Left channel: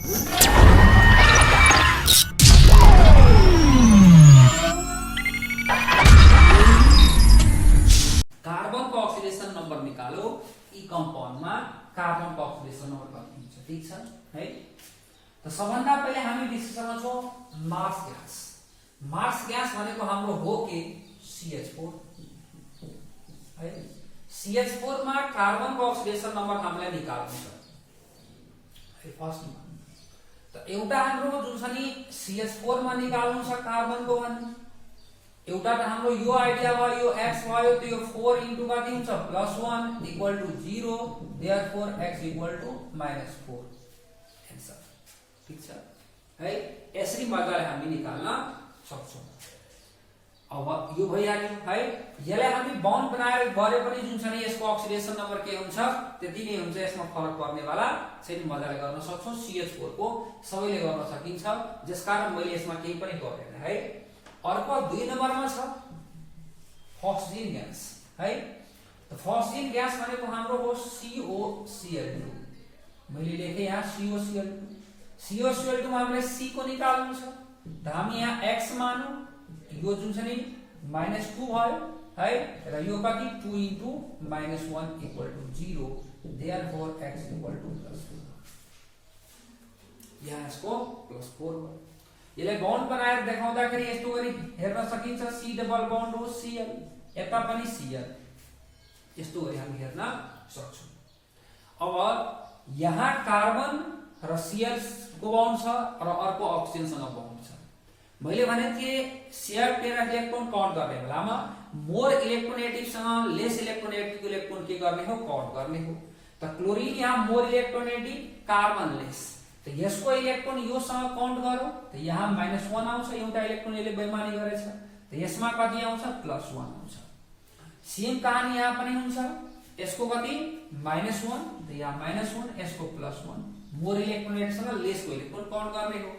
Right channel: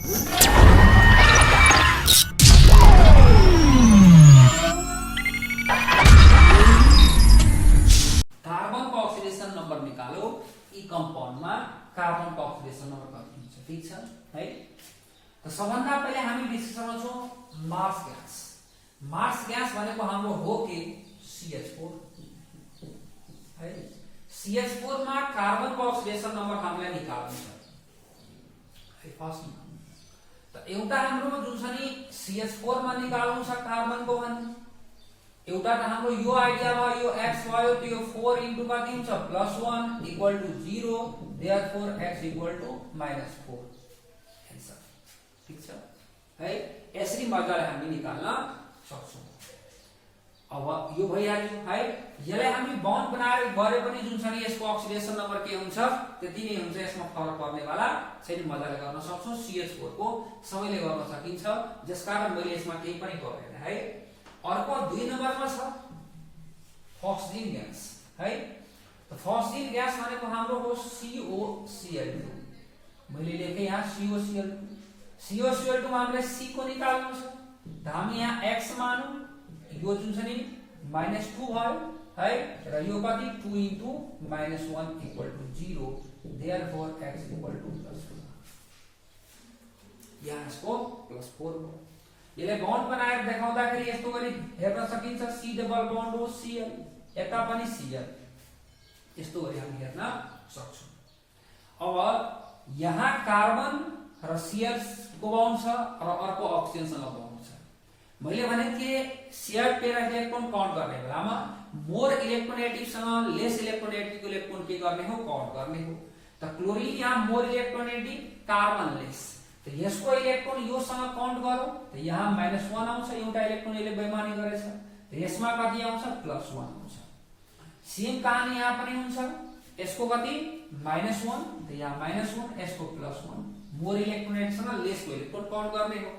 Carbon को oxidation number निकालो। ई compound में कार्बन को ऑक्सीडेशन नंबर कति हुन्छ ठीक छ है। तो सबभन्दा पहिले हामी डिस्कस गर्छौं मार्स ग्यास। मार्स ग्यास भनेको हाम्रो हो के CH4 है। CH4 मा कार्बन को ऑक्सीडेशन नंबर हामीलाई निकाल्नु छ है फर्स्ट। त एउटा हाम्रो जुन छ नि CH4 मा निकाल्नु छ कार्बन को भने एउटा त हाम्रो यो आइडिया भयो, यो x भयो, त यो 4 इन्टु कति हुन्छ +1 equal to 0, therefore x equal to -4 answer ठीक छ है। यसरी मजाले हामी निकाल्न सक्छौं। अब यो भइहाल्यो है। यसलाई हामी बन्ड बनाएर गरे पनि जुन छ नि यसको ऑक्सिडेशन नम्बर के हुन्छ त्यति नै हुन्छ, यसमा फरक पर्ने वाला छैन। मजाले गर्न सक्छौं। CH4 को सबैले गर्न सकिन्छ, जसकारण मैले यसमा केही पनि गरेन है। अर्को 2 नम्बरमा छ फस्फिन ग्यास है। त फस्फिन ग्यास भनेको हाम्रो हो COCl2। मैले लेखे यहाँ COCl2। COCl2 मा हामीलाई C को निकाल्नु छ। त हामी यहाँ x मानौ, यो जुन छ नि -2 भयो है, र यो कति 2 into -1 equal to 0, therefore x equal to +4। यहाँ यसको +4 भयो। यसलाई बन्ड बनाएर देखाउँदाखेरि यस्तो गरी हेर्न सकिन्छ। C डबल बन्ड हो Cl, यता पनि Cl, यस्तो गरी हामी हेर्न सक्छौं। अब यहाँ कार्बन र Cl को बन्ड छ र अर्को अक्सिजनसँग बन्ड छ। मैले भने के शेयर पेयर इलेक्ट्रोन काउन्ट गर्ने बेलामा मोर इलेक्ट्रोनेगेटिभ सँग लेस इलेक्ट्रोनेगेटिभ इलेक्ट्रोन के गर्ने हो काउन्ट गर्ने हो। त क्लोरिन यहाँ मोर इलेक्ट्रोनेगेटिभ, कार्बन लेस। तो यसको इलेक्ट्रोन यो सँग काउन्ट गरौ, त यहाँ -1 आउँछ। एउटा इलेक्ट्रोन यसले बेइमानी गरेछ, त यसमा कति आउँछ +1 आउँछ। सेम कहानी यहाँ पनि हुन्छ। यसको कति -1, त यहाँ -1, यसको +1। मोर इलेक्ट्रोनेट सँग लेस को इलेक्ट्रोन काउन्ट गर्ने हो।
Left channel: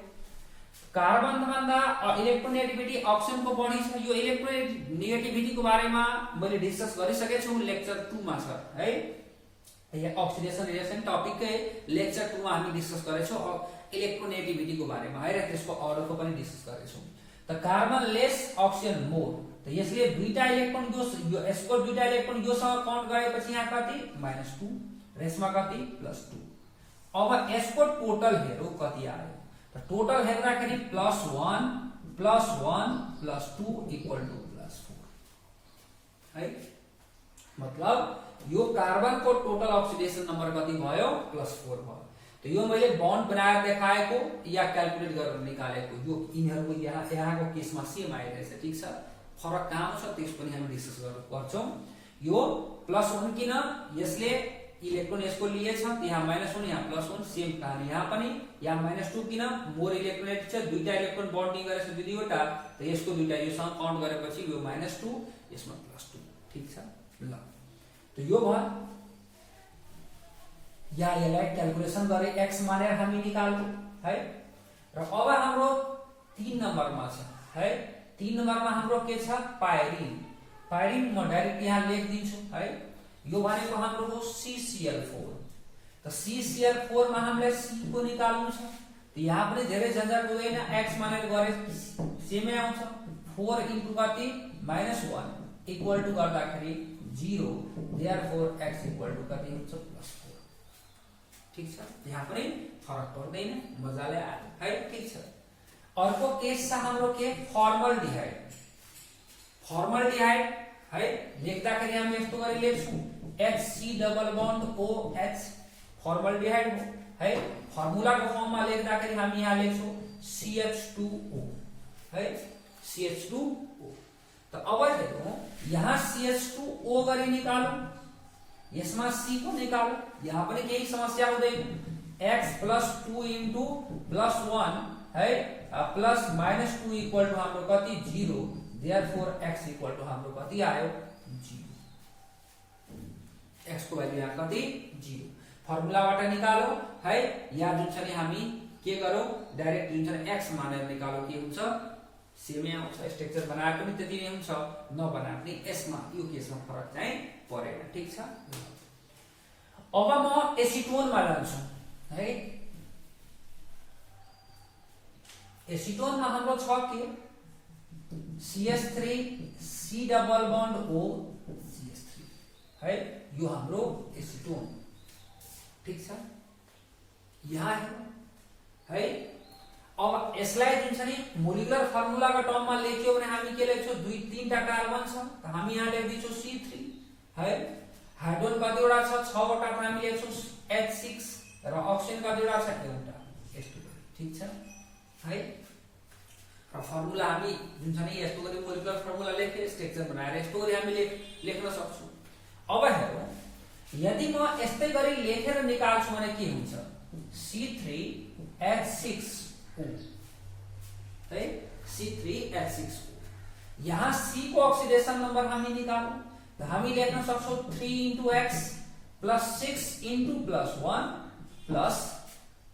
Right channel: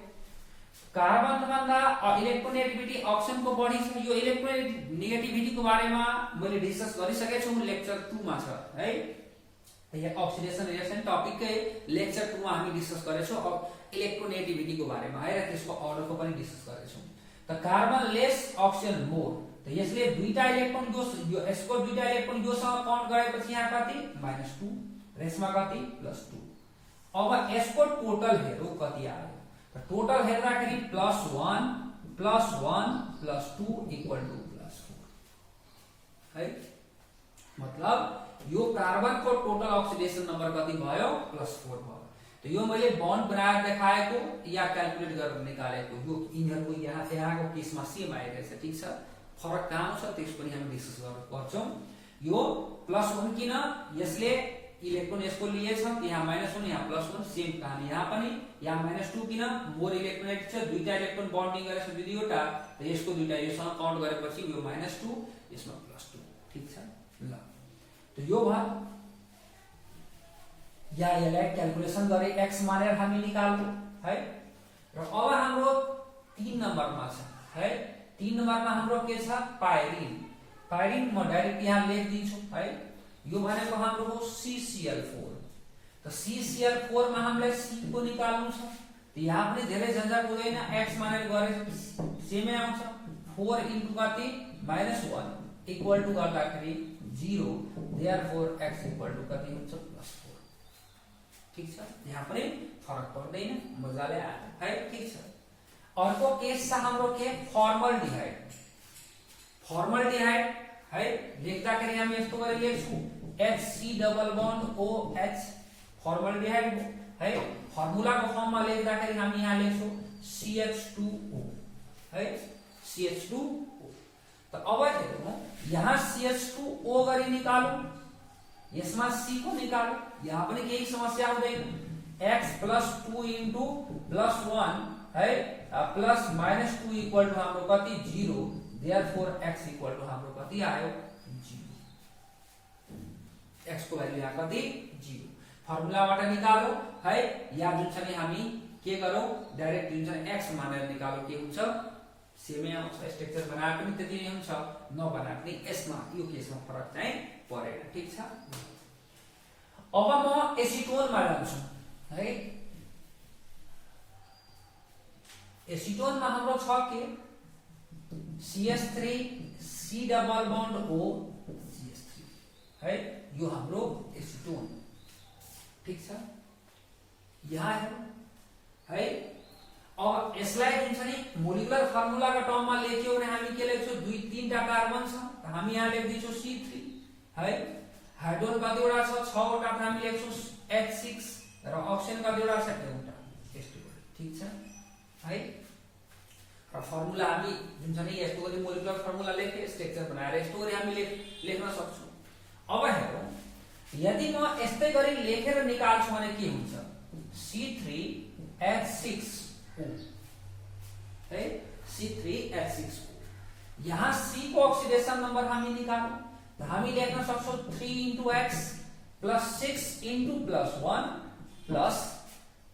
कार्बन भन्दा इलेक्ट्रोनेगेटिभिटी अक्सिजन को बढी छ। यो इलेक्ट्रोनेगेटिभिटी को बारेमा मैले डिस्कस गरिसकेको छु, लेक्चर 2 मा छ है। ये ऑक्सीडेशन रिएक्शन टॉपिक के लेक्चर 2 में हामी डिस्कस गरेछौं। अब इलेक्ट्रोनेगेटिभिटी को बारेमा है र त्यसको अर्डर को पनि डिस्कस गरेछौं। त कार्बन लेस अक्सिजन मोर, त यसले दुईटा इलेक्ट्रोन यो यसको दुईटा इलेक्ट्रोन यो सँग काउन्ट गरेपछि यहाँ कति -2 र यसमा कति +2। अब यसको टोटल हेरौ कति आयो। त टोटल हेर्दाखेरि +1 +1 +2 इक्वल टु +4 है। मतलब यो कार्बन को टोटल ऑक्सीडेशन नंबर कति भयो +4 भयो। तो यो मैले बन्ड बनाएर देखाएको या क्याल्कुलेट गरेर निकालेको, यो यिनीहरुको यहाँको केसमा सेम आइरहेछ ठीक छ। फरक कहाँ छ त्यस पनि हामी डिस्कस गर्छौं। यो +1 किन, यसले इलेक्ट्रोन यसको लिएछ, यहाँ -1 यहाँ +1, सेम कहानी यहाँ पनि। यहाँ -2 किन, मोर इलेक्ट्रोनेट छ, दुईटा इलेक्ट्रोन बन्डिङ गरेछ दुईवटा, त यसको दुईटा योसँग काउन्ट गरेपछि यो -2 यसमा +2 ठीक छ। ल तो यो भयो। यहाँ यसलाई क्याल्कुलेसन गरे x मानेर हामी निकाल्नु है। र अब हाम्रो 3 नम्बरमा छ है। 3 नम्बरमा हाम्रो के छ पाइरिन। पाइरिन म डाइरेक्ट यहाँ लेखिदिन्छु है। यो भनेको हाम्रो हो CCl4। त CCl4 मा हामीलाई C को निकाल्नु छ। त यहाँ पनि धेरै झन्झट हुँदैन, x मानेर गरे सेमै आउँछ। 4 इन्टु कति -1 इक्वल टु गर्दाखेरि 0, देयरफोर x इक्वल टु कति हुन्छ +4 ठीक छ। यहाँ पनि फरक पर्दैन, मजाले आयो है ठीक छ। अर्को केस छ हाम्रो के फर्मलडिहाइड। फर्मलडिहाइड है, लेख्दाखेरि हामी यस्तो गरी लेख्छौं HC डबल बन्ड OH, फर्मलडिहाइड हो है। फर्मुला को फर्ममा लेख्दाखेरि हामी यहाँ लेख्छौं CH2O है, CH2O। तो अब हेरौं, यहाँ CH2O गरी निकालौं, यसमा C को निकालौं, यहाँ पनि केही समस्या हुँदैन। x +2 इन्टु +1 है प्लस -2 इक्वल टु हाम्रो कति 0, देयरफोर x इक्वल टु हाम्रो कति आयो 0। x को भ्यालु यहाँ कति 0। फर्मुलाबाट निकालौं है। या जुन छ नि हामी के गरौं, डाइरेक्ट जुन छ x मानेर निकालौं, के हुन्छ सेमै आउँछ। स्ट्रक्चर बनाए पनि त्यति नै हुन्छ, नबनाए पनि यसमा यो केसमा फरक चाहिँ परेन ठीक छ। अब म एसिटोनमा जान्छु है। एसिटोनमा हाम्रो छ के CH3 C double bond O CH3 है, यो हाम्रो एसिटोन। ठीक छ, यहाँ हेर्नु है। अब यसलाई जुन छ नि मोलिकुलर फर्मुलाको टर्ममा लेख्यो भने हामी के लेख्छौँ, 2-3टा कार्बन छ, हामी यहाँ लेख्दिन्छौँ C3 है। हाइड्रोजन कतिवटा छ, 6वटा, त हामी लेख्छौँ H6 र अक्सिजन कतिवटा छ, एउटा H2। ठीक छ है। र फर्मुला हामी जुन छ नि यस्तो गरी मोलिकुलर फर्मुला लेख्ने स्ट्रक्चर बनाएर यस्तो गरी हामी लेख्न सक्छौँ। अब हेरौँ, यदि म यस्तै गरी लेखेर निकाल्छु भने के हुन्छ, C3H6O है, C3H6O। यहाँ C को ऑक्सीडेशन नंबर हामी निकालौं, तो हामी लेख्न सक्छौं 3 × X + 6 × +1 प्लस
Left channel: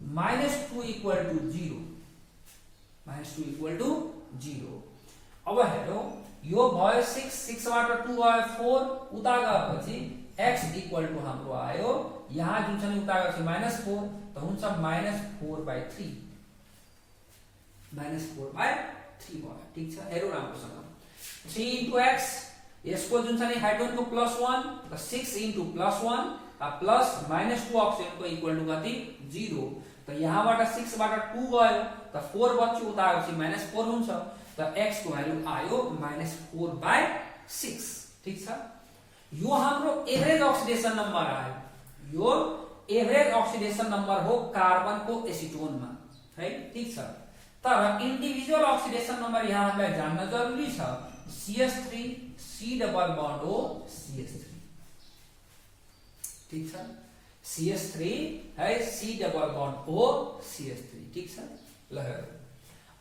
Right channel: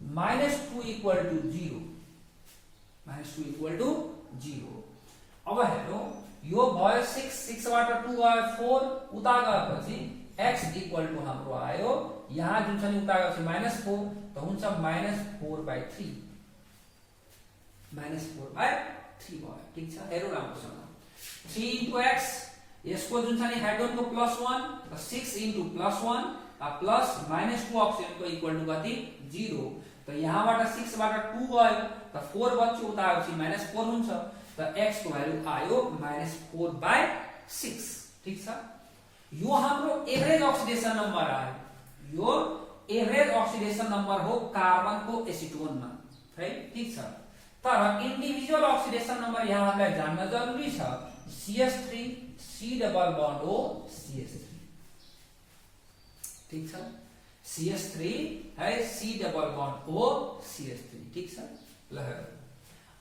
-2 = 0, -2 = 0। अब हेरौं, यो भयो 6 बाट 2 गयो 4, उता गएपछि x = हाम्रो आयो, यहाँ जुन छ नि उता गएपछि -4, त हुन्छ -4/3, -4/3 भयो। ठीक छ, हेरौँ राम्रोसँग। 3 × x, यसको जुन छ नि हाइड्रोजनको +1, त 6 × +1 प्लस -2 अक्सिजनको इक्वल टु कति, 0। त यहाँबाट 6 बाट 2 गयो, त 4 बच्यो, उता आएपछि -4 हुन्छ, त x को भ्यालु आयो -4/6। ठीक छ, यो हाम्रो एभरेज ऑक्सीडेशन नंबर आयो। यो एभरेज ऑक्सीडेशन नंबर हो कार्बनको एसिटोनमा है। ठीक छ, तर इन्डिभिजुअल ऑक्सीडेशन नंबर यहाँलाई जान्न जरुरी छ। CH3 C double bond O CH3। ठीक छ, CH3 है, C double bond O CH3। ठीक छ, ल हेरौँ।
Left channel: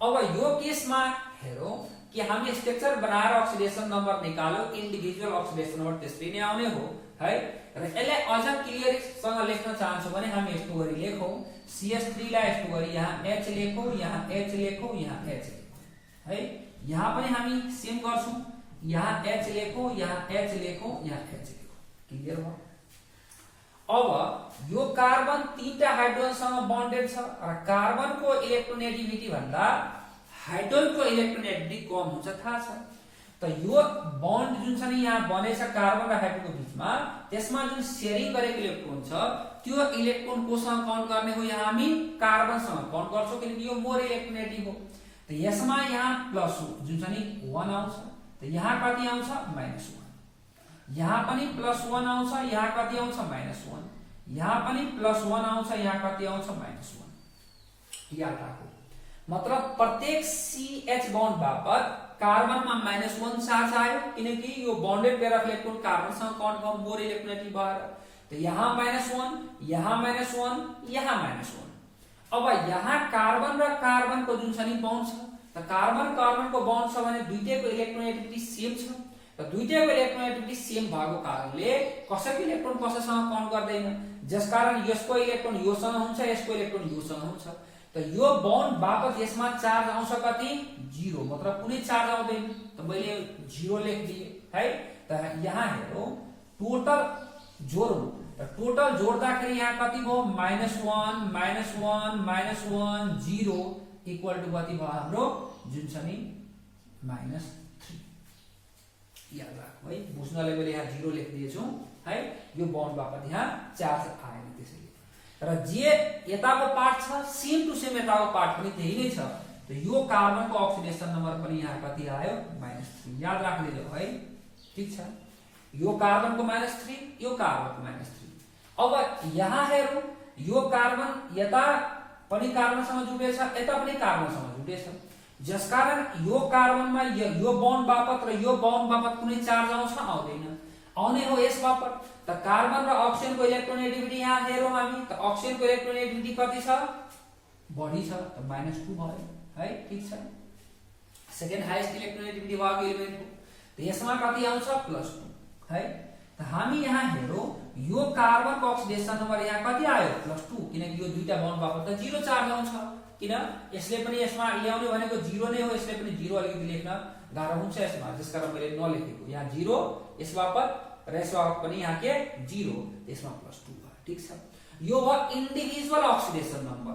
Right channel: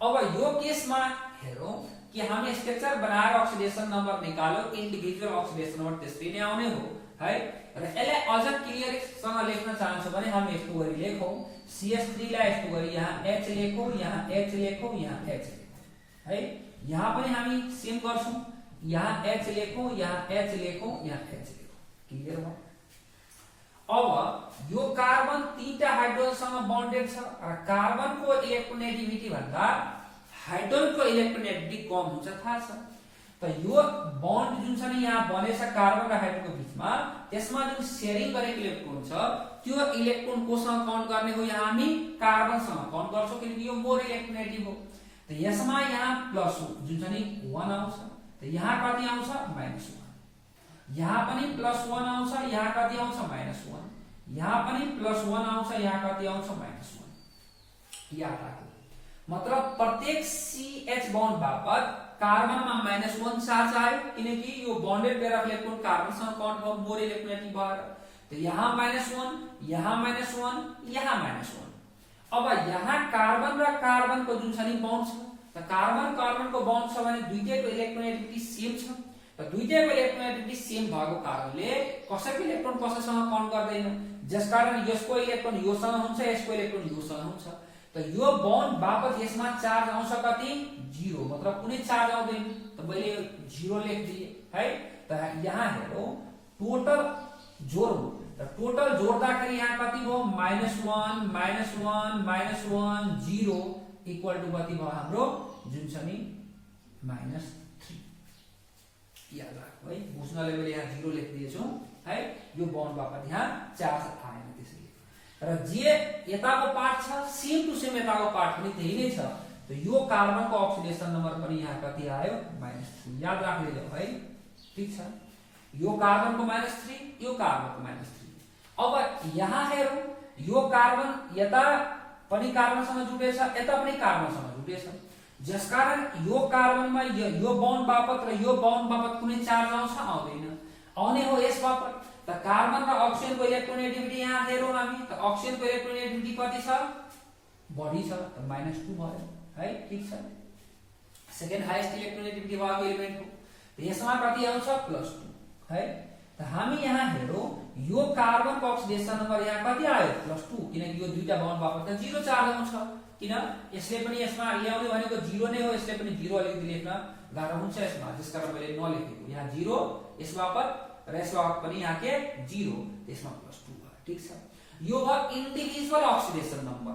अब यो केसमा हेरौँ कि हामी स्ट्रक्चर बनाएर ऑक्सीडेशन नंबर निकाल्यो, इन्डिभिजुअल ऑक्सीडेशन नंबर त्यसरी नै आउने हो है। र यसलाई अझ क्लियरसँग लेख्न चाहन्छौँ भने हामी यस्तो गरी लेखौँ, CH3 लाई यस्तो गरी यहाँ H लेखौँ, यहाँ H लेखौँ, यहाँ H लेखौँ है। यहाँ पनि हामी सेम गर्छौँ, यहाँ H लेखौँ, यहाँ H लेखौँ, यहाँ H लेखौँ। क्लियर भयो। अब यो कार्बन 3टा हाइड्रोजनसँग बन्डेड छ र कार्बनको इलेक्ट्रोनेगेटिभिटी भन्दा हाइड्रोजनको इलेक्ट्रोनेगेटिभिटी कम हुन्छ, थाहा छ। त यो बन्ड जुन छ नि यहाँ बनेछ कार्बन र हाइड्रोजनको बीचमा, त्यसमा जुन शेयरिङ गरेको इलेक्ट्रोन छ, त्यो इलेक्ट्रोन कोसँग काउन्ट गर्ने हो, यहाँ हामी कार्बनसँग काउन्ट गर्छौं, किनकि यो मोर इलेक्ट्रोनेगेटिभ हो। त यसमा यहाँ प्लस जुन छ नि 1 आउँछ, त यहाँ कति आउँछ, -1। यहाँ पनि +1 आउँछ, यहाँ कति आउँछ, -1। यहाँ पनि +1 आउँछ, यहाँ कति आउँछ, -1। याद राखौ, मतलब प्रत्येक CH बन्ड बापत कार्बनमा -1 चार्ज आयो, किनकि यो बन्डेड पेयर अफ इलेक्ट्रोन कार्बनसँग काउन्ट भयो, मोर इलेक्ट्रोनेगेटिभ भएर। त यहाँ -1, यहाँ -1, यहाँ -1। अब यहाँ कार्बन र कार्बनको जुन छ नि बन्ड छ, त कार्बन कार्बनको बन्ड छ भने दुईटैको इलेक्ट्रोनेगेटिभिटी सेम छ। र दुईटैको इलेक्ट्रोनेगेटिभिटी सेम भएको कारणले कसैको इलेक्ट्रोन कसैसँग काउन्ट गर्दैन, जसकारण यसको इलेक्ट्रोन योसँग हुन्छ, यसको इलेक्ट्रोन योसँग हुन्छ। त यो बन्ड बापत यसमा चार्ज आउँछ कति, 0, मतलब कुनै चार्ज आउँदैन। त मैले 0 लेखिदिए है। त यहाँ हेरौँ, टोटल जोडौँ, त टोटल जोड्दाखेरि यहाँ कति भयो, -1 -1 -1 0 इक्वल टु कति भयो हाम्रो, जुन छ नि -3। याद राख्नु है, बुझ्नलाई मैले यहाँ 0 लेखिदिएछु है। यो बन्ड बापत यहाँ चार्ज आएन, त्यसैले। र जे यताको पार्ट छ, सेम टु सेम यताको पार्ट पनि त्यही नै छ। त यो कार्बनको ऑक्सीडेशन नंबर पनि यहाँ कति आयो, -3। याद राख्दै जाऊ है। ठीक छ, यो कार्बनको -3, यो कार्बनको -3। अब यहाँ हेरौँ, यो कार्बन यता पनि कार्बनसँग जुडेछ, यता पनि कार्बनसँग जुडेछ, जसकारण यो कार्बनमा यो बन्ड बापत र यो बन्ड बापत कुनै चार्ज आउँछ, आउँदैन। आउने हो यस बापत। त कार्बन र अक्सिजनको इलेक्ट्रोनेगेटिभिटी यहाँ हेरौँ हामी, त अक्सिजनको इलेक्ट्रोनेगेटिभिटी कति छ, बढी छ, त -2 भयो है। ठीक छ, सेकेन्ड हाईएस्ट इलेक्ट्रोनेगेटिभिटी भएको एलिमेन्ट हो। त यसमा कति आउँछ, +2 है। त हामी यहाँ हेरौँ, यो कार्बनको ऑक्सीडेशन नंबर यहाँ कति आयो, +2, किनकि यो दुईटा बन्ड बापत त 0 चार्ज आउँछ, किन यसले पनि यसमा ल्याउने भनेको 0 नै हो, यसले पनि 0 अलिकति लेख्न गाह्रो हुन्छ यसमा, त्यसकारण मैले नलेखेको। यहाँ 0 यस बापत र यस बापत पनि यहाँ के 0, यसमा +2 भयो। ठीक छ, यो हो इन्डिभिजुअल ऑक्सीडेशन नंबर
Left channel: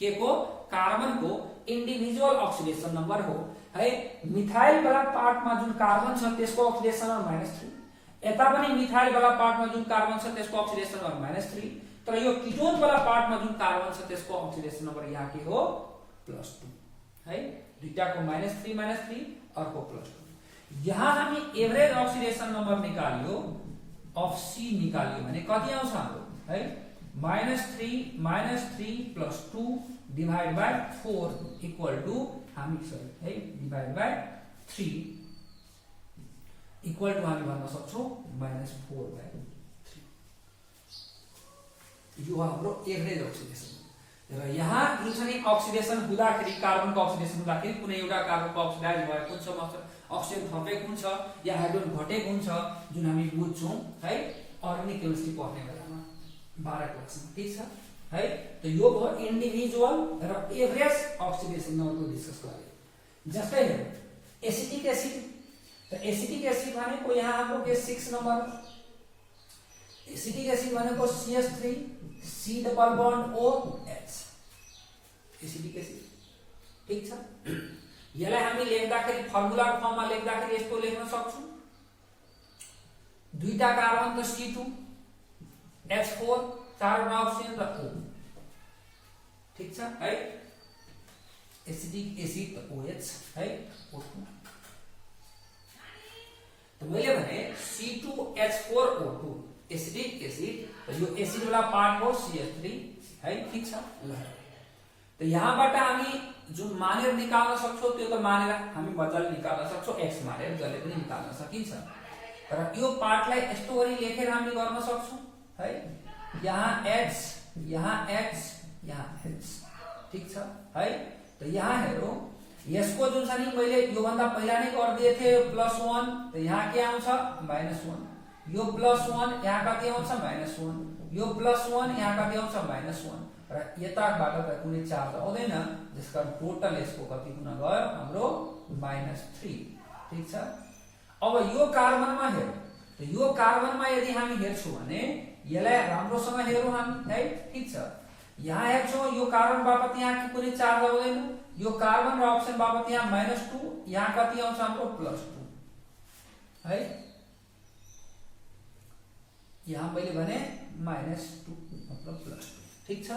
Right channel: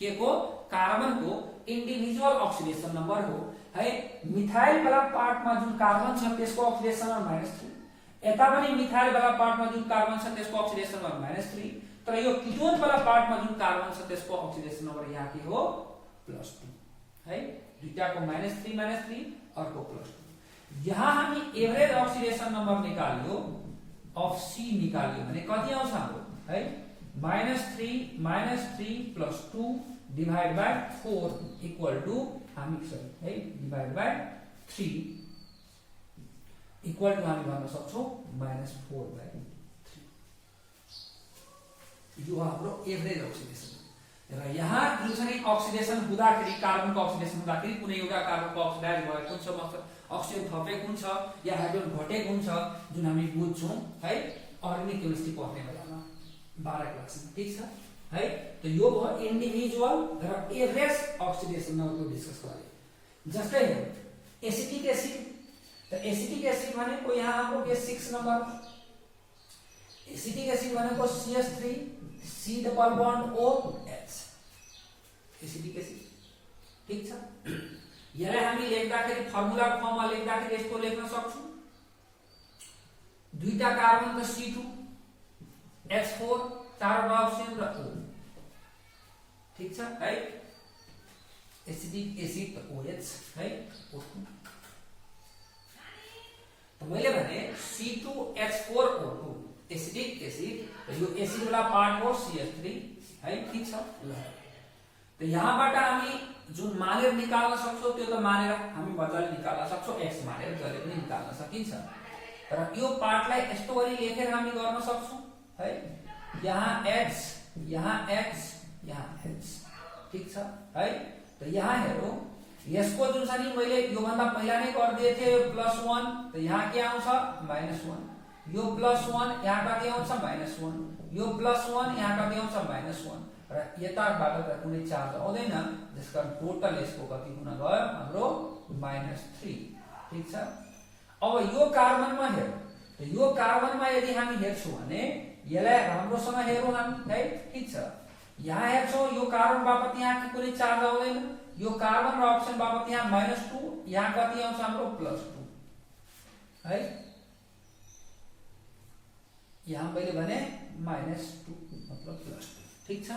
के को, कार्बनको इन्डिभिजुअल अक्सिडेसन नम्बर हो है। मिथाइल वाला पार्टमा जुन कार्बन छ त्यसको अक्सिडेसन नम्बर -3, यता पनि मिथाइल वाला पार्टमा जुन कार्बन छ त्यसको अक्सिडेसन नम्बर -3, तर यो किटोन वाला पार्टमा जुन कार्बन छ त्यसको अक्सिडेसन नम्बर यहाँ के हो +2 है। दुईटाको -3 अर्को +2। यहाँ हामी एभरेज अक्सिडेसन नम्बर निकाल्यो अफ सी निकाल्यो भने कति आउँछ हाम्रो है -3 + 2 डिवाइड बाइ 4 इक्वल टु हामी है डिवाइड बाइ 3 इक्वल टु हामी भन्न सक्छौं -4/3। यो हाम्रो एभरेज अक्सिडेसन र यहाँ जुन छ नि अक्सिडेसन हुँदाखेरि कार्बनको अक्सिडेसन हुँदाखेरि कुनै एउटा कार्बनको अक्सिडाइज भएको हुन्छ अक्सिजन थपेको हुन्छ या हाइड्रोजन घटेको हुन्छ जुन हामी बुझ्छौं है अर्ग्यानिक केमिस्ट्री पढ्ने बेलामा 12 क्लासमा, ठीक छ है। त यो भयो इन्डिभिजुअल र एभरेज अक्सिडेसन नम्बरको डिस्कस गरे। जस्तै एसिटिक एसिड, त एसिटिक एसिड भनेको यहाँ हाम्रो के 6 नम्बर एसिटिक एसिड भनेको CH3 C double bond OH acetic acid, ठीक छ। यसलाई हामी लेख्दाखेरि फर्मुला फर्ममा लेख्दाखेरि यस्तो लेख्न सक्छौं दुईटा कार्बन त C2 H4 चारवटा ऑक्सिजन र O, ठीक छ है। एसिटिक एसिड त OH है O2। त मैले भने C2H4O2 एसिटिक एसिड, यो एसिड वाला पार्ट हो CH3 है, ठीक छ ल। त यहाँबाट हामी जुन मानेर निकाल्न सक्छौं त्यो त मानेर हामी मजाले निकाल्न सक्छौं, x मानेर जले पनि निकाल्न सकिन्छ। तर यो पार्टलाई यस्तो गरी लेखेर हामी गर्न सक्छौं है, यहाँ x यहाँ x यहाँ x, ठीक छ है। त यहाँ हेरौं यसको जुन छ नि मैले यो भन्दा पहिला नै गरिदिए थिए +1, त यहाँ के आउँछ -1, यो +1 यहाँ कति आउँछ -1, यो +1 यहाँ कति आउँछ -1 र यताबाट त कुनै चार्ज आउँदैन, त्यसकारण टोटल यसको कति गुना गयो हाम्रो -3, ठीक छ। अब यो कार्बनमा हेरौं, त यो कार्बनमा यदि हामी हेर्छौं भने यसलाई राम्रोसँग हेरौं हामी है, ठीक छ। यहाँ हेर्छौं यो कार्बन बापत यहाँ कुनै चार्ज आउँदैन, यो कार्बन र अक्सिजन बापत यहाँ -2, यहाँ कति आउँछ हाम्रो +2 है। यहाँ मैले भने -2 मतलब +2, ठीक छ।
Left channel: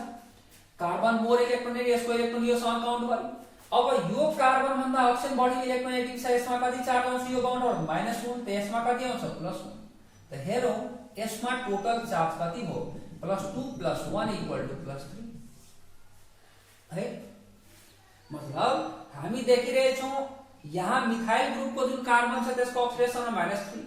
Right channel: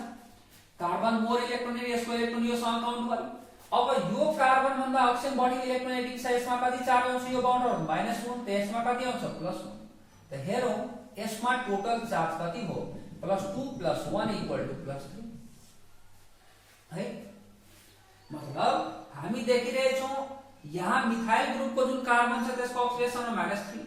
कार्बन मोर इलेक्ट्रोनेट यसको इलेक्ट्रोन यो सँग काउन्ट गर्यो। अब यो कार्बन भन्दा अक्सिजन बढी इलेक्ट्रोनेटिक छ, यसमा कति चार्ज आउँछ यो बाउन्डर -1, त यसमा कति आउँछ +1। त हेरौं यसमा टोटल चार्ज कति हो +2 + 1 = +3 है। मतलब हामी देखिरहेछौं यहाँ मिथाइल ग्रुपको जुन कार्बन छ त्यसको अक्सिडेसन -3,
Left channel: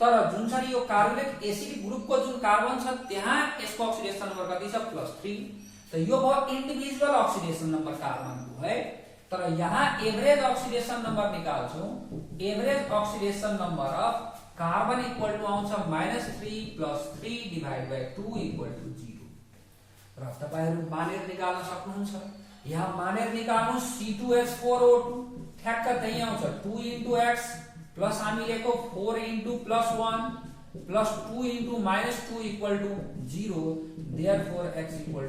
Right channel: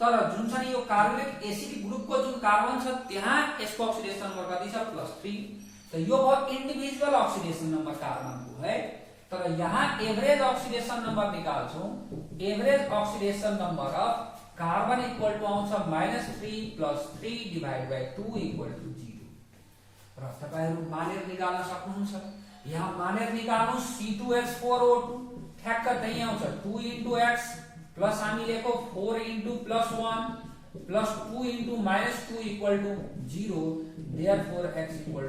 तर जुन छ नि यो कार्बोनिक एसिड ग्रुपको जुन कार्बन छ त्यहाँ यसको अक्सिडेसन नम्बर कति छ +3। त यो भयो इन्डिभिजुअल अक्सिडेसन नम्बर कार्बनको है। तर यहाँ एभरेज अक्सिडेसन नम्बर निकाल्छौं, average oxidation number of carbon equal to आउँछ -3 + 3 डिवाइड बाइ 2 = 0। र तपाईहरु मानेर निकाल्न सक्नुहुन्छ। यहाँ मानेर निकाल्नु C2H4O2 ठ्याक्क त्यही आउँछ 2 * x प्लस हामी लेखो 4 * +1 प्लस 2 * -2 = 0, therefore x = 0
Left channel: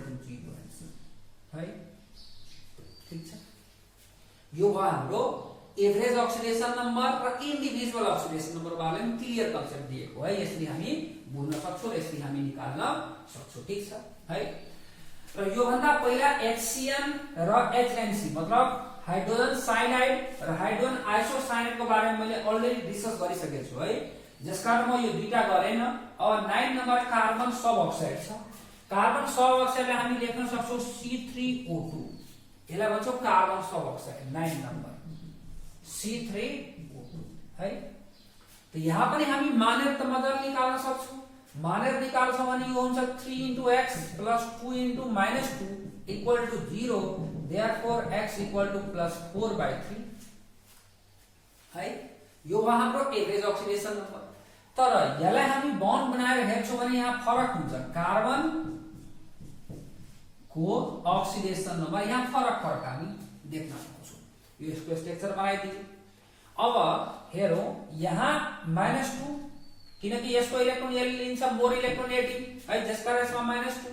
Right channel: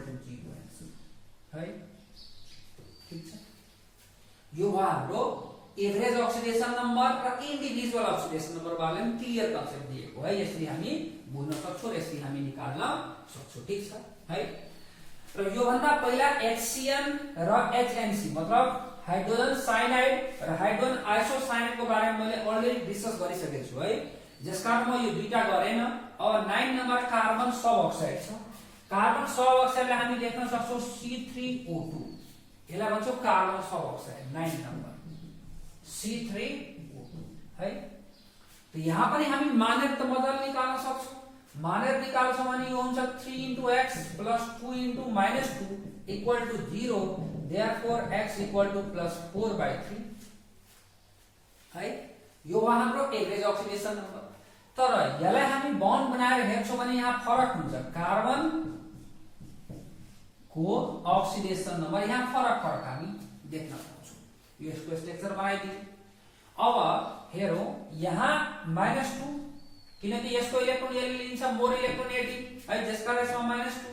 है, ठीक छ। यो भयो हाम्रो एभरेज अक्सिडेसन नम्बर र इन्डिभिजुअल अक्सिडेसन नम्बर बारे में क्लियर कन्सेप्ट दिएको है। यसरी हामी बुझ्न सक्छौं र यसरी हामी निकाल्न सक्छौं, ठीक छ है। र यो भन्दा पहिला HCN र HNC मतलब हाइड्रोजन साइनाइड र हाइड्रोजन आइसोसाइनाइड को बारेमा मैले अलरेडी डिस्कस गरिसकेको छु है, जसकारण म यो दुईटा गरेन। अब 9 नम्बर कार्बन सब अक्साइड छ। कार्बन सब अक्साइडलाई हामी लेख्न सक्छौं C3O2, यसलाई भन्छौं कार्बन सब अक्साइड 9 नम्बर C3O2 है। त यहाँ पनि हामी मानेर त मजाले निकाल्न सक्छौं। मानेर निकाल्छौं भने यो हुन्छ 3 * x प्लस 2 * -2 = 0, therefore x = +4/3 है। यो भयो हाम्रो एभरेज अक्सिडेसन नम्बर। तर यसलाई हामी बन्ड बनाएर हेर्छौं भने यहाँ फरक हुन्छ। कार्बन को अक्सिडेसन नम्बर यहाँ फरक हामी देख्न सक्छौं। यो यसको स्ट्रक्चर बनाइदिए। अब हेरौं यहाँ -2 किनकि यसको इलेक्ट्रोन यसले लिन्छ मोर इलेक्ट्रोनेटिक है, जसकारण यसमा -2,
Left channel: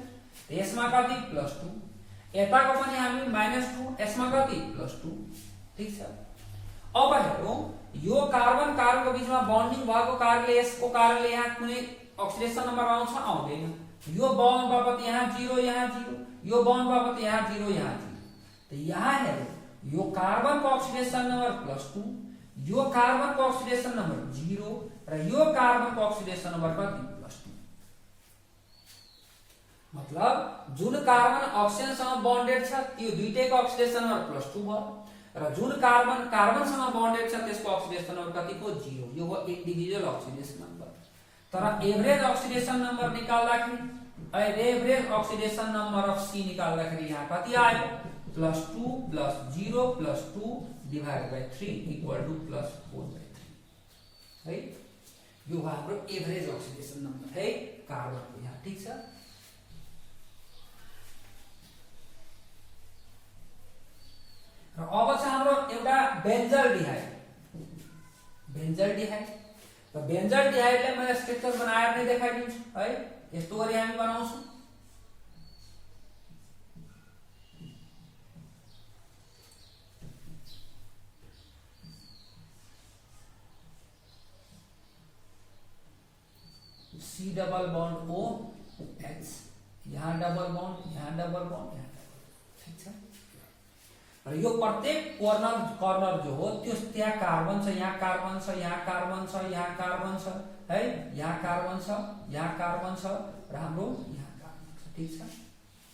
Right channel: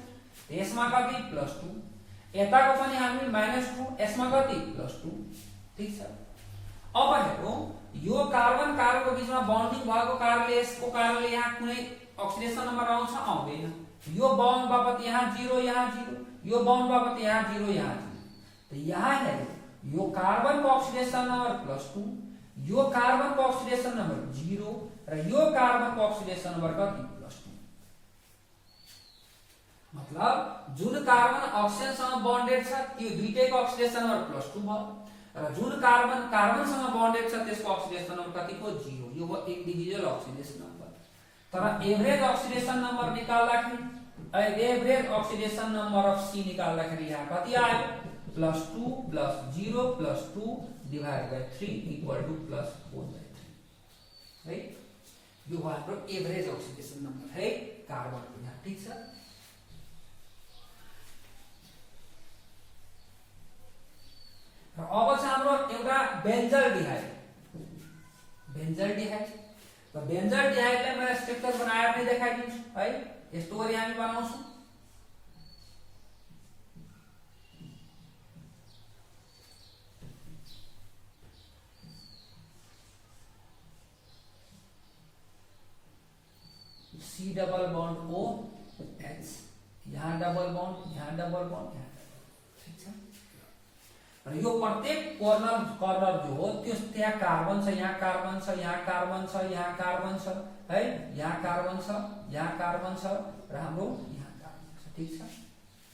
यसमा कति +2। यताको पनि हामी -2 यसमा कति +2 ठीक छ। अब हेरौं यो कार्बन कार्बनको बीचमा बन्डिङ भएको कारणले यसको कारणले यहाँ कुनै अक्सिडेसन नम्बर आउँछ आउँदैन। यो बन्ड बापत यहाँ 0 यहाँ 0, यो बन्ड बापत यहाँ 0 यहाँ 0। त यहाँ हेरौं यो कार्बनको अक्सिडेसन नम्बर +2, यो कार्बनको अक्सिडेसन नम्बर 0 र यो कार्बनको अक्सिडेसन नम्बर कति +2। मतलब जुन कार्बन अक्सिजनसँग बन्डेड छ त्यो दुईटैको अक्सिडेसन नम्बर +2 भयो र जुन कार्बन कार्बनसँग बन्डेड छ त्यसको अक्सिडेसन नम्बर कति हो 0। यो हो इंडिभिजुअल अक्सिडेसन नम्बर। तर एभरेज अक्सिडेसन नम्बर निकाल्दाखेरि average oxidation number of C निकाल्दाखेरि यहाँ कति आयो +2 + 0 + 2 / 3 = +4/3 है। यो हो हाम्रो एभरेज अक्सिडेसन नम्बर है कार्बनको यहाँ ठीक छ। र अब चाहिँ हाम्रो एउटा बेन्जल्डिहाइड त बेन्जल्डिहाइडलाई मैले स्ट्रक्चर बनाएर नै देखाइदिन्छु है। यस्तो गरी हामी बनाउँछौं। C डबल बॉन्ड OH, यहाँ डबल बॉन्ड यहाँ ठीक छ। र यो प्रत्येक कर्नर जो हो त्यो त्यहाँ कार्बन छ, यहाँ कार्बन छ, यहाँ कार्बन छ, यहाँ कार्बन छ है, यहाँ कार्बन छ, यहाँ कार्बन छ र हाम्रो यहाँ कार्बन छ ठीक छ।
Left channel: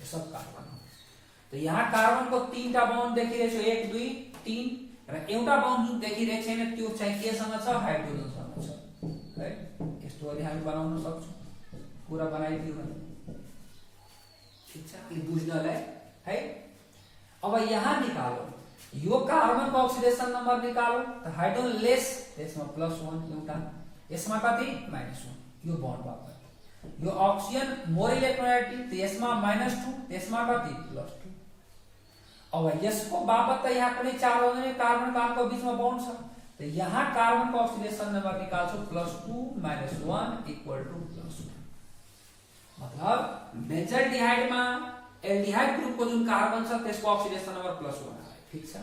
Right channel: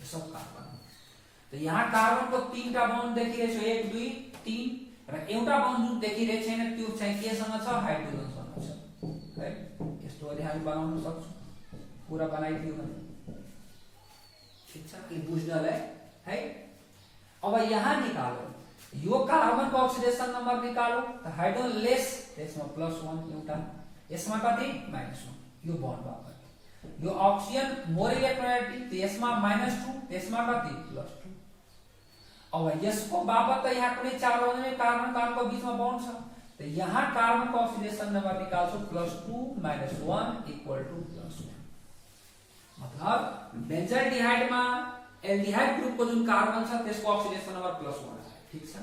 यो सब कार्बन हो। त यहाँ कार्बनको 3टा बन्ड देखिरहेछ 1 2 3 र एउटा बन्ड जुन देखिरहेछ छैन त्यो चाहिँ केसँग छ हाइड्रोजनसँग छ है। यस्तो गरी हामी बनाउन सक्छौं। पूरा बनाइदियो भने ठीक छ कि बुझ्नलाई है। अब यहाँ निकालो यो कार्बन को ऑक्सीडेशन नंबर निकालो तो हाइड्रोजन लेस त्यसमा +1 एउटा यसमा कति -1 यो बन्ड बापत यो ऑक्सीजन मोर इलेक्ट्रोनेगेटिभ तो यसमा -2 त्यसमा कति +2। अब यसको बापत त यहाँ कुनै चार्ज आउँदैन कार्बन कार्बनको बीचमा बन्ड छ तो यहाँ कार्बन को ऑक्सीडेशन नंबर निकाल्छौ +2 - 1 = +1। मतलब बेन्जल्डिहाइड में एल्डिहाइड ग्रुप को जुन कार्बन छ त्यसको ऑक्सीडेशन नंबर +1 ठीक छ।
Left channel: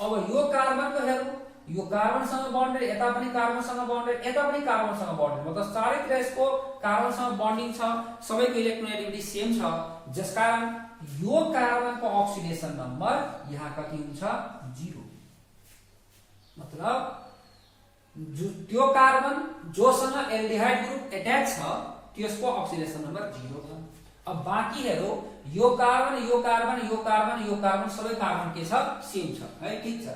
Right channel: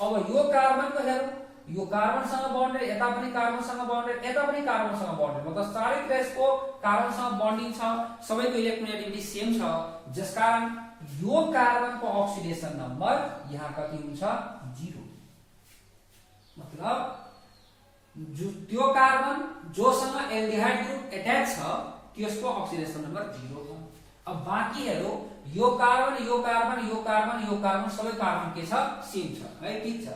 अब यो कार्बन को हेरौं यो कार्बन सँग बन्डेड यता पनि कार्बन सँग बन्डेड यता पनि कार्बन सँग बन्डेड मतलब चारैतिर यसको कार्बन सँग बन्डिङ छ सबैको इलेक्ट्रोनेगेटिभिटी सेम छ जसकारण यो कार्बन को ऑक्सीडेशन नंबर यहाँ कति हुन्छ 0। मतलब त्यो कार्बन जोसँग एल्डिहाइड ग्रुप अट्याच छ त्यसको ऑक्सीडेशन नंबर 0 छ। अब बाँकी हेरौं यो कार्बन यो कार्बन यो कार्बन यो कार्बन सबै कार्बन के छ सेम छ है ठीक छ।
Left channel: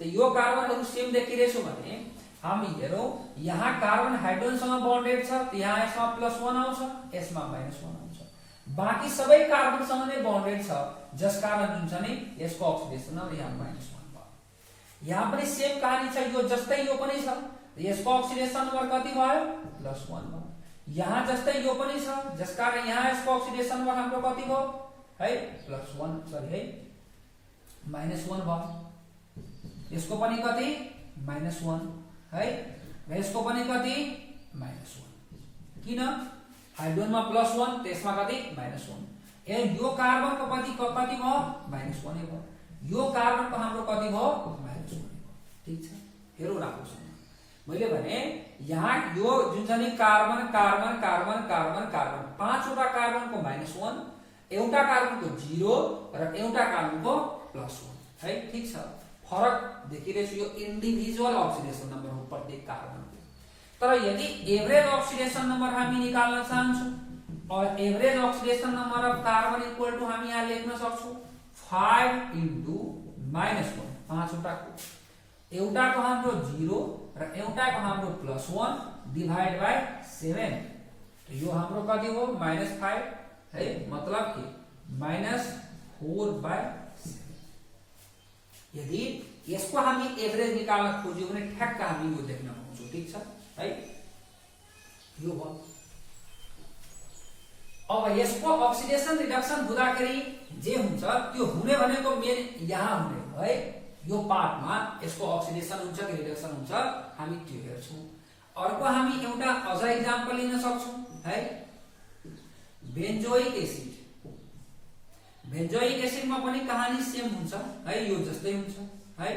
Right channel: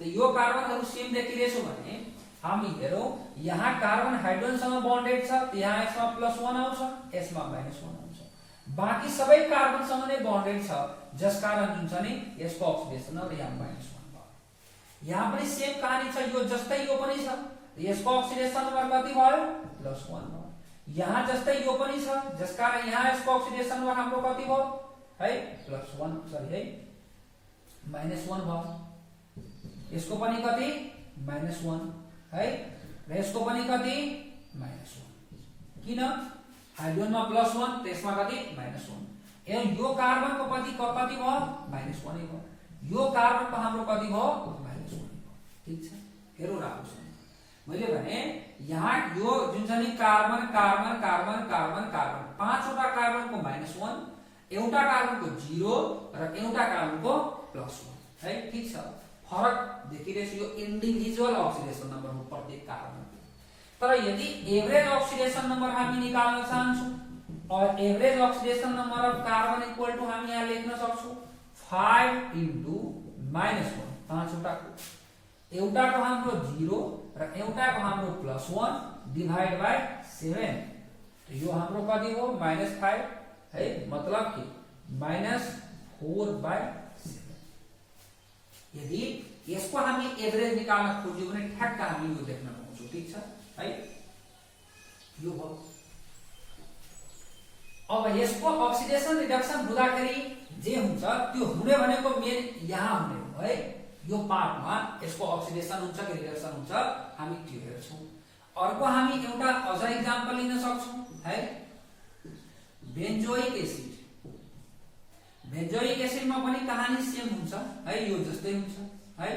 तो यो कार्बनहरु सेम देखिरहेछौ भने हामी हेरौं यहाँ कार्बन हाइड्रोजनसँग बन्डेड छ त यहाँ यसमा +1 आउँछ यसमा -1 आउँछ बाँकी सबै कार्बनसँग नै बन्डेड छ जसकारण हुन्छ नि यसको ऑक्सीडेशन नम्बर यहाँ -1 भयो। यहाँ पनि सेम कहानी छ यो जस्तै यो पनि छ यसको ऑक्सीडेशन नम्बर कति भयो +1 भयो। यहाँ जस्तै यो पनि छ जसकारण यहाँ यसको ऑक्सीडेशन नम्बर हाम्रो कति भयो है +1 सरी है -1 भयो। यसको पनि कति -1 है र यसको पनि कति -1 किन हाइड्रोजनमा +1 त्यसमा कति -1 ए यो कार्बनको कति कति भयो -1 भयो यो कार्बनको हाम्रो कति भयो -1 भयो ठीक छ। हेरौँ राम्रोसँग मैले भने यहाँ यो जुन चाहिँ carbon carbon carbon carbon carbon पाँचवटा कार्बनको -1 एउटा कार्बनको 0 र एउटा कार्बनको +1 है ठीक छ। फरक देखिरहेछ यो इन्डिभिजुअल ऑक्सीडेशन नंबर हो प्रत्येक कार्बनको। तर यदि एभरेज ऑक्सीडेशन नंबर हामी निकाल्न चाहन्छौं और average oxidation number of carbon equal to हामी यहाँ लेख्न सक्छौं 5 × -1 पाँचवटाको एउटाको हाम्रो 0 र एउटाको हाम्रो +1 डिवाइड बाइ 7 तो यो हाम्रो कति हो -5 है मतलब कि -4/7। यदि यसको हामी एभरेज निकाल्न खोज्यौ भने ठ्याक्क हामी यो लेख्न पाउँछौं ठीक छ है यो हो। अब यसको ऑक्सीडेशन रिडक्सन हुँदाखेरि जे हुन्छ त्यो हुने भनेको मेन यहाँ हुने हो है यो पार्टमा यसको ऑक्सीडेशन हुन्छ कि रिडक्सन हुन्छ हामी त्यो हेर्छौं। अर्को हामी एउटा अझ एक्जाम्पल लिन सक्छौं है बेन्जोइक बेन्जोइक एसिडमा पनि कहानी सेम हुन्छ है, यो जस्तै हुन्छ है।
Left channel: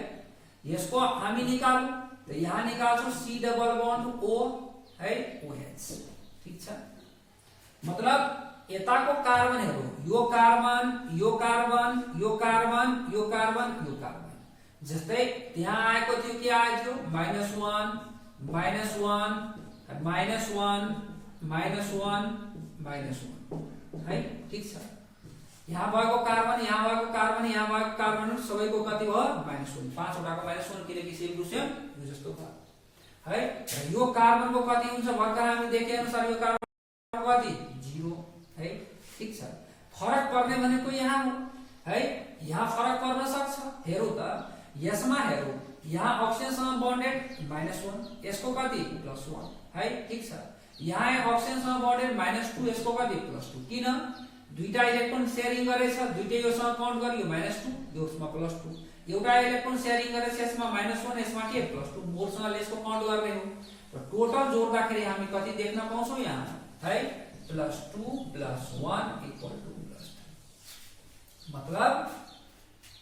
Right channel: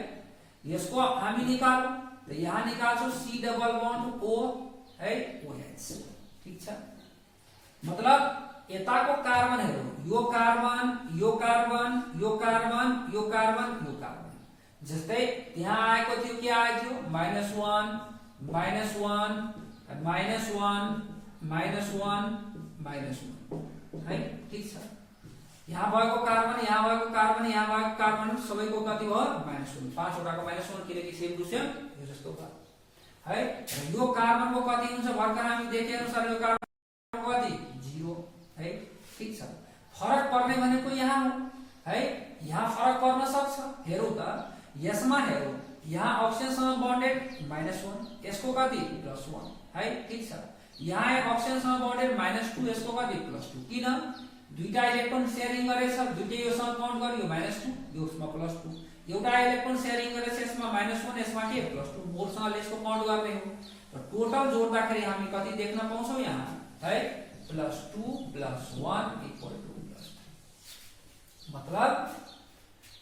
यसको हामी निकाल्यौं त यहाँ निकाल्छौं C डबल बन्ड O है OH, ठीक छ। मतलब यताको कार्बनहरु यो कार्बन यो कार्बन यो कार्बन यो कार्बन यो कार्बन, जस्तै त्यहाँ आएको थियो के आएको थियो -1 -1 -1 है, ठीक छ। यहाँ भएको कार्बन यहाँ भएको कार्बन यहाँ भएको कार्बन सबैको कति भयो -1, 5 वटाको -1 किनकि सेम टु सेम यो जस्तो भयो है। यो कार्बनको कति हुन्छ भर्खर हामी देखे अनुसार यो कार्बन कति 0 है, ठीक छ। फरक पर्ने भनेको यहाँ हो है, यहाँ फरक पर्न सक्छ। हेरौं त यसमा हेरौं, यहाँ अक्सिजनसँग बन्डेड -1 यसको कति +1 है, ठीक छ। यहाँ अक्सिजनसँग बन्डेड -2 यसको कति +2, किन दुईटा इलेक्ट्रोन शेयरिङ गरेछ, दुईटै योसँग काउन्ट गर्यो -2 यसमा +2, एउटा इलेक्ट्रोन शेयरिङ गरेछ यसमा -1 यसमा के +2, मोलसँग लेसको काउन्ट गर्ने हो। र टोटल जोड्दाखेरि हामी कति देख्न पाउँछौं यहाँ है +2 +1 = +3। मतलब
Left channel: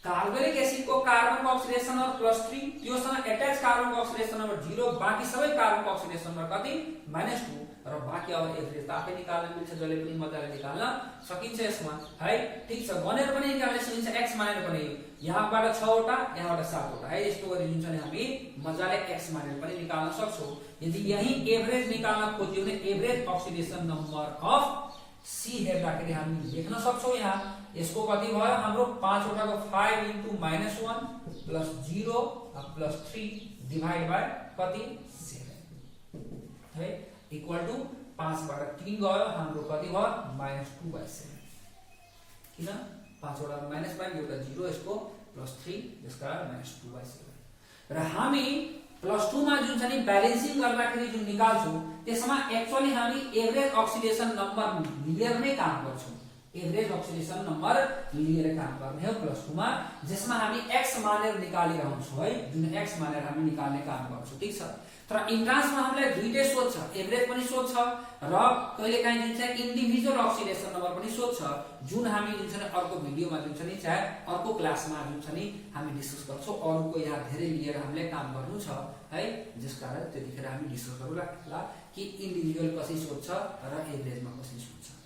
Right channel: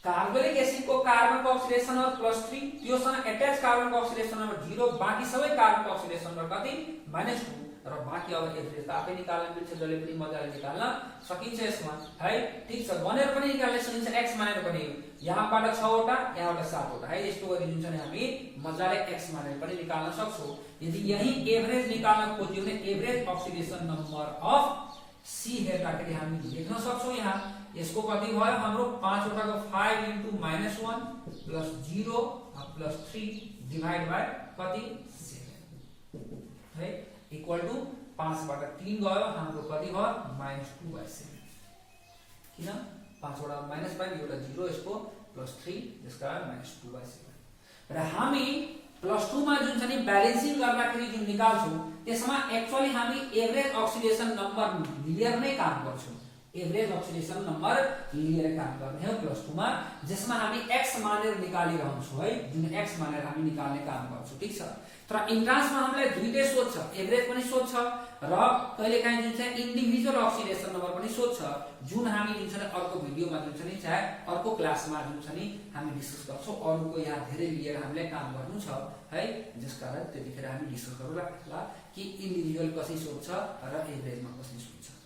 कार्बोनिक एसिड को कार्बन को ऑक्सीडेशन नंबर +3, त्योसँग अट्याच कार्बन को ऑक्सीडेशन नंबर 0, बाकी सबै कार्बन को ऑक्सीडेशन नंबर कति -2 र बाकी अब एभरेज आफै निकाल्न मिल्छ, जसले पनि मजाले निकाल्न सकिन्छ यसमा है, ठीक छ। गनेर पनि निकाल्न सकिन्छ x मानेर पनि, यहाँबाट 6 वटा यहाँबाट 7 वटा है, यस्तो गरी जुन चाहिँ हामी मजाले x मानेर पनि निकाल्न सक्छौं। यदि यही एभरेज निकाल्न खोज्यो भने average oxidation number of C हेर्दाखेरि हामी लेख्न सक्छौं। यहाँ यसको कति भयो हाम्रो 5 वटाको 5 * -1 + 0 + 3 डिवाइड बाइ कति 7 है, इक्वल टू 5 बाट 3 गयो हाम्रो कति भयो -2/7, किन 5 वटा माइनस बाइ एउटा 0 यसको +3 त्यसकारण -2/7। र हामी +2 मा जुन छ नि ब्यालेन्सिङ गर्दाखेरि जुन निकाल्छौं त्यसमा एक्चुअली हामी एभरेज ऑक्सीडेशन नम्बर लिएर नै काम गर्छौं, एभरेज ऑक्सीडेशन नम्बर लिएर काम गर्ने हो +2 मा, जसमा हामी x मानेर निकालिरहन्छौं है, जुन x मानेर हामी निकाल्ने काम गर्छौं, ठीक छ। तर इन्ट्रान्समा हामीले दुईटै सोध्छ, एभरेज पनि सोध्छ र कहिलेकाहीँ जुन चाहिँ इन्डिभिजुअल ऑक्सीडेशन नम्बर पनि सोध्छ, जुन हामी जुन चाहिँ अर्को भिडियोमा जुन चाहिँ चाहे अर्को क्लासमा जुन चाहिँ हामी डिस्कस गर्छौं। अरूको यहाँ धेरै लिएर हामीले काम गर्नु छ है, जसकारण त्यतिखेर हामी डिस्कस गरौँला कि इन्डिभिजुअल कसरी सोध्छ र एभरेजमा कसरी सोध्छ।